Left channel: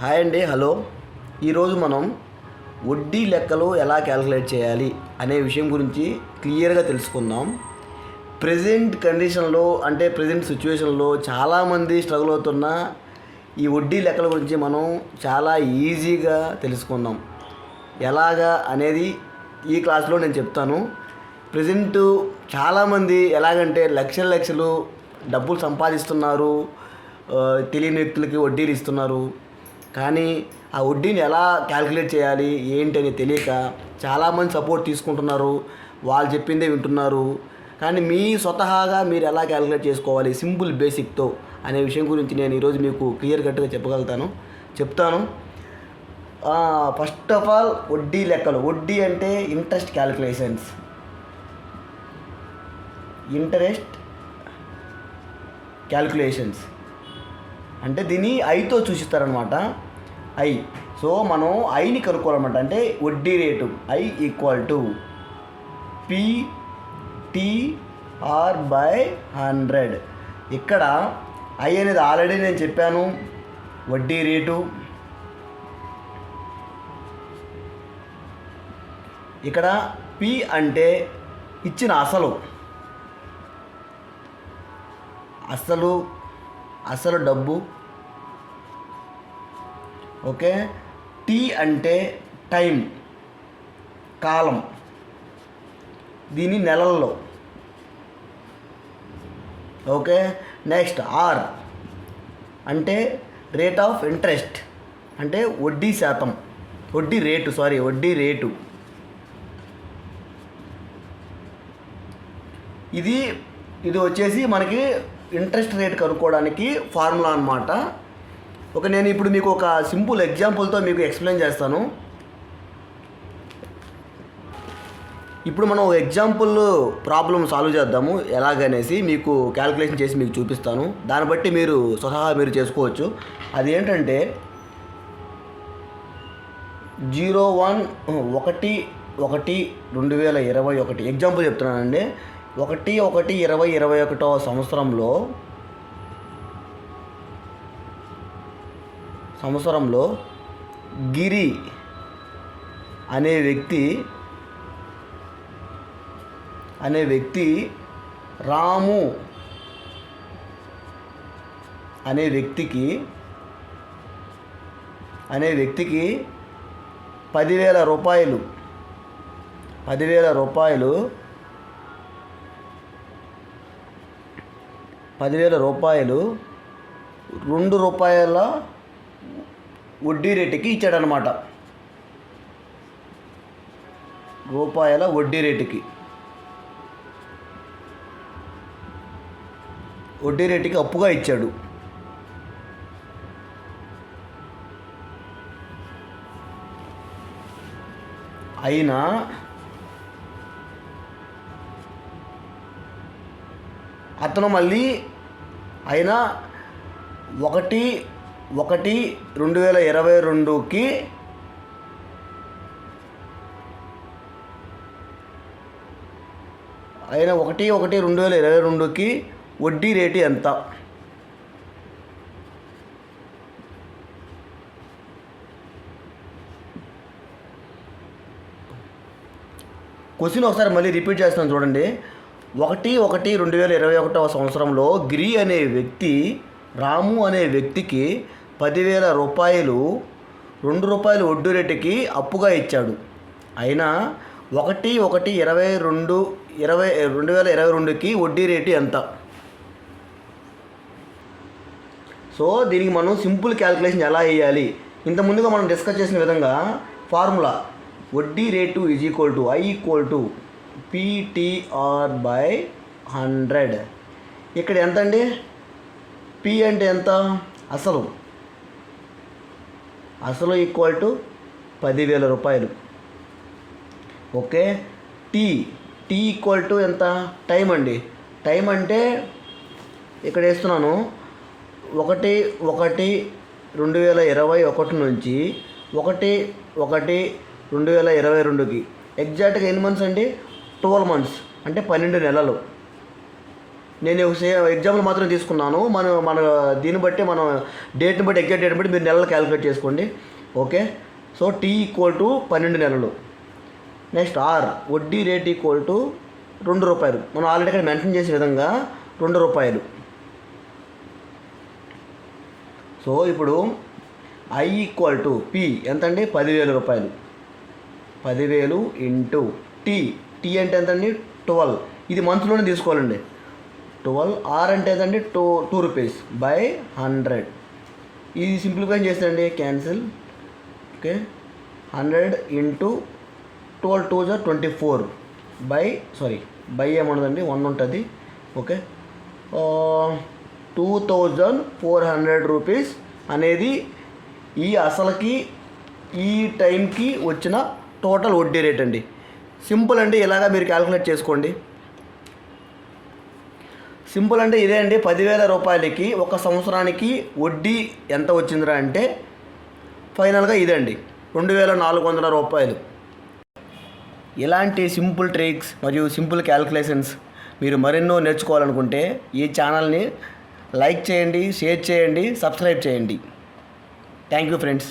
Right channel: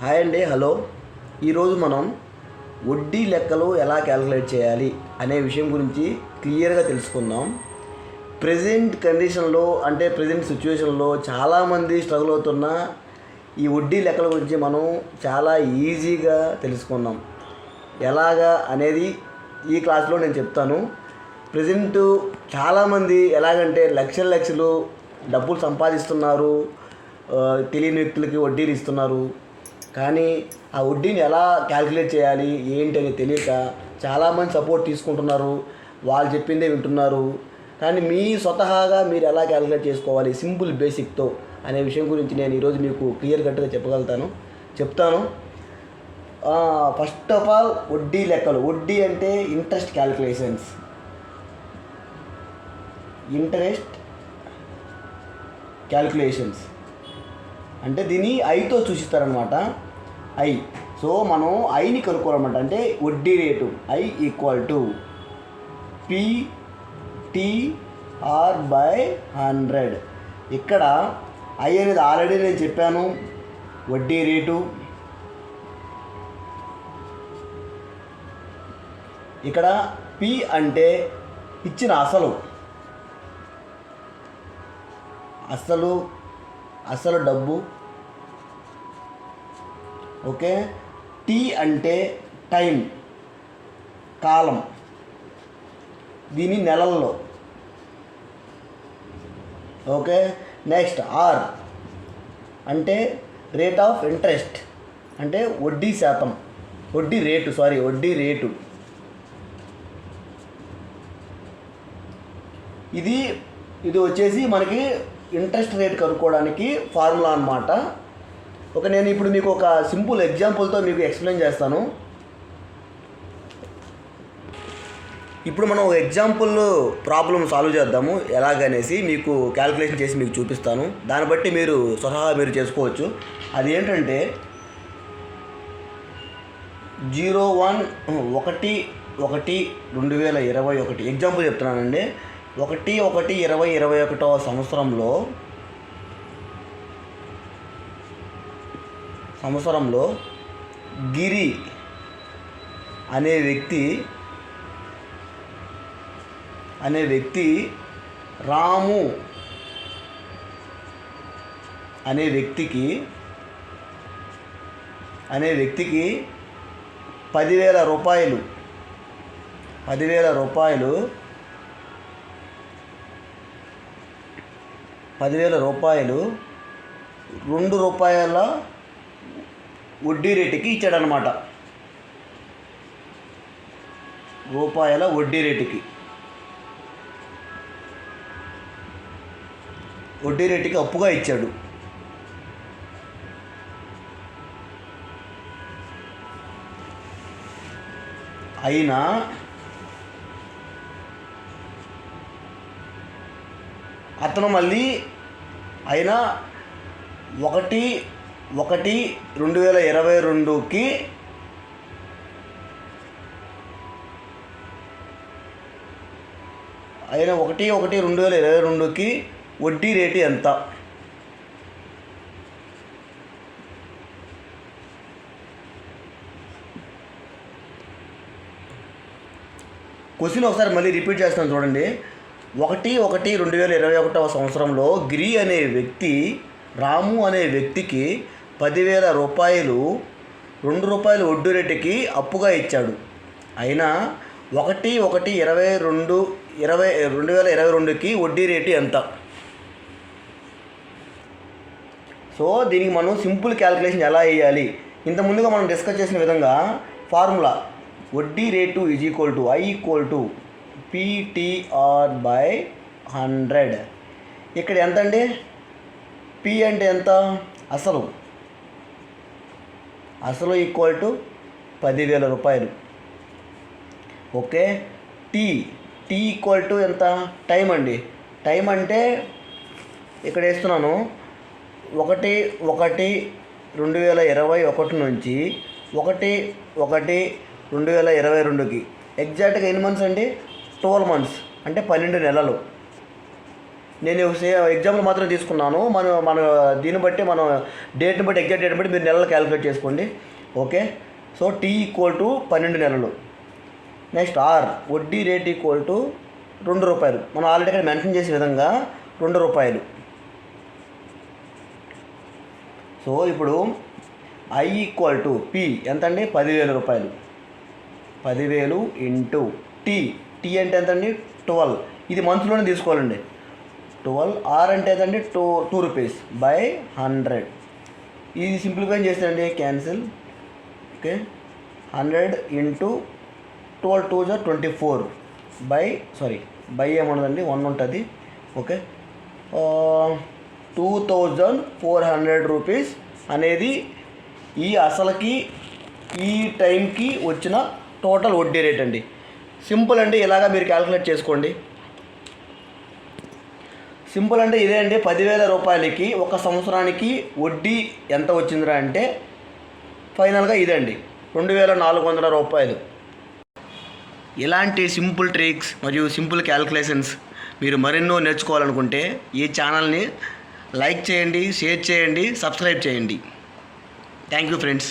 Hi అండి, hello. ఈరోజు మనం వడ్డీ లెక్కలు ఎలా క్యాలిక్యులేట్ చేయాలి అనే విషయం గురించి క్లియర్గా తెలుసుకుందాం. ప్రజెంట్ కండిషన్లో అంటే ప్రజెంట్ సిచ్యువేషన్లో చాలామంది స్ట్రగుల్ అవుతున్న ఈ వడ్డీ లెక్కల గురించి మనం చాలా ఈజీగా తెలుసుకుందాం. ఎలాగా అనేది ఈ క్లాస్లో నేను చెప్తాను. ప్రజెంట్ చాలామంది ఎలాగంటే లక్షలు డబ్బులు సంపాదిస్తున్నారు, తెలియని వ్యక్తులకి వడ్డీలు ఇస్తున్నారు. కానీ ఆ వడ్డీని ఎలా క్యాలిక్యులేట్ చేయాలి ఏంటి అని తెలియక చాలామంది సపోర్ట్ తీసుకుంటున్నారు, వాళ్ళు చెప్పిందే వింటున్నారు. కానీ మీ స్వతహాగా మీరు ఎలా క్యాలిక్యులేట్ చేసుకోవాలి సింపుల్ బేసిక్తో అనే విషయం గురించి నేను ఈరోజు మీకు క్లియర్ కట్గా చెప్తాను. ఫస్ట్ ఆఫ్ ఆల్ వడ్డీ లెక్కలు. వడ్డీ అంటే ఇంట్రెస్ట్ క్యాలిక్యులేషన్స్ అంటే దీన్ని ఐతో చూపిస్తారనమాట. సో మనం ఐని కనుక్కోవాలన్నమాట. అంటే వడ్డీ rate I equal to PTR/100. ఇక్కడ ఐ అనేది ఆల్రెడీ నేను చెప్పాను, వడ్డీ రేటు. ఇక్కడ పి అంటే ఇచ్చిన అసలు డబ్బు. ఓకే. టీ అంటే టైం, కాలం, దీని నెలల్లో. ఓకే. నెక్స్ట్ ఆర్ అంటే రేట్ ఆఫ్ ఇంట్రెస్ట్, అంటే వడ్డీ రేటు. ఇది వచ్చేసి మనకి ఇంట్రెస్ట్ రేట్ కనుక్కోవడానికి ఫార్ములా అన్నమాట. నేను ఇప్పుడు మీకు ఒక సింపుల్ ఎగ్జాంపుల్తో మీకు ఎక్స్ప్లెయిన్ చేస్తాను. ఇప్పుడు మనం ఒక ఎగ్జాంపుల్ ప్రాబ్లం సాల్వ్ చేద్దాము. ఎలాగనేసి మీకు క్యాలిక్యులేషన్ చేసి మీకు చూపిస్తాను. దాన్ని బట్టి మీరు స్వతహా మీరు చేసుకోవచ్చు. అది ఏంటంటే 01/1/2021 ఎగ్జాంపుల్ చెప్తున్నానండి. 1/1/2021 సంవత్సరంలో గిరి అనే వ్యక్తి రాము అనే వ్యక్తికి 10,000 రూపాయలు 10,000 రూపాయలు ₹2 వడ్డీ రేటుకి ఇచ్చాడనమాట. వడ్డీ రేటుకి అప్పుగా ఇచ్చాడు. అయినా అతను మళ్ళీ 1/1/2022కి వడ్డీ రేటు ఎంత? క్వశ్చన్ ఒకసారి మళ్ళీ రిపీట్ చేస్తాను చూడండి. 1/1/2021 సంవత్సరంలో గిరి అనే వ్యక్తి రాము అనే వ్యక్తికి 10,000 రూపాయలు ₹2 వడ్డీ రేటుకి అప్పుగా ఇచ్చాడు. అయినా 1/1/2022కి వడ్డీ రేటు ఎంత? సో దీనికి మనం సింపుల్ క్యాలిక్యులేషన్ ఎలా వేయాలి? ఇంతకుముందుగా మనం డిస్కస్ చేసిన విధంగా ఫార్ములా వడ్డీ రేటు I = PTR/100. ఇక్కడ ఎంత అండి? పి అంటే ఎంత? అసలు ఈక్వల్ టు 10,000 రూపాయలు. ఓకే. టీ ఈక్వల్ టు ఎంత? టైం అండి. టైం అంటే ఇక్కడ వేస్తున్నాను 1/1/2021 నుంచి 1/1/2022కి ఎగ్జాక్ట్గా ఎన్ని మంత్స్ అండి? 12 మంత్స్ అంటే 12 నెలలు. నేను ఎగ్జాంపుల్ మాత్రం తీసుకున్నాను. మన దీన్ని బట్టి మనం డేట్ని బట్టి ఎగ్జాక్ట్ డేట్ని బట్టి మీరు నెలలు క్యాలిక్యులేట్ చేసుకోండి. Okay, so T equal to 12 నెలలు. నెక్స్ట్ ఆర్ వడ్డీ రేట్ ఈక్వల్ టు ₹2. మనం ఆల్రెడీ ఇక్కడ మెన్షన్ చేసే విధంగా ₹2. సో ఇప్పుడు ఐ ఈక్వల్ టు పి ఎంత అండి? ₹10,000. 10,000 ఇంటూ టీ అంటే ఎంతండి? 12. ఇది మంత్లోనే తీసుకోవాలండి. 12 ఆర్ అంటే ఎంతండి? ₹2 బై 100. ఇది సింప్లిఫై చేసేయండి, క్యాన్సిల్. ఓకే, 100 ఇంటూ 12 2 = 24 బై ఏముండదండి, 1 ఉంటుంది. ఓకే, ₹2,400 అనేది ఈ అసలుకి ఈ టైంకి వచ్చిన టోటల్ వడ్డీ రేట్ అండి. సింపుల్ అండి, ఇలాగా మీరు క్యాలిక్యులేట్ చేసుకోండి. సింపుల్ అంటే ఇదే అండి. ₹10,000కి ఒక సంవత్సరానికి వడ్డీ ఎంత వచ్చిందిరా అంటే ఫైనల్గా ఇదండి, ₹2,400. ఇలాంటి సింపుల్ ట్రిక్స్ మరియు సింపుల్ క్యాలిక్యులేషన్స్ మీరు మరెన్నో నేర్చుకోవాలనుకుంటే ఈ ఛానల్ని లైక్ చేయండి, షేర్ చేయండి, సబ్స్క్రైబ్ చేయండి. Thank you friends.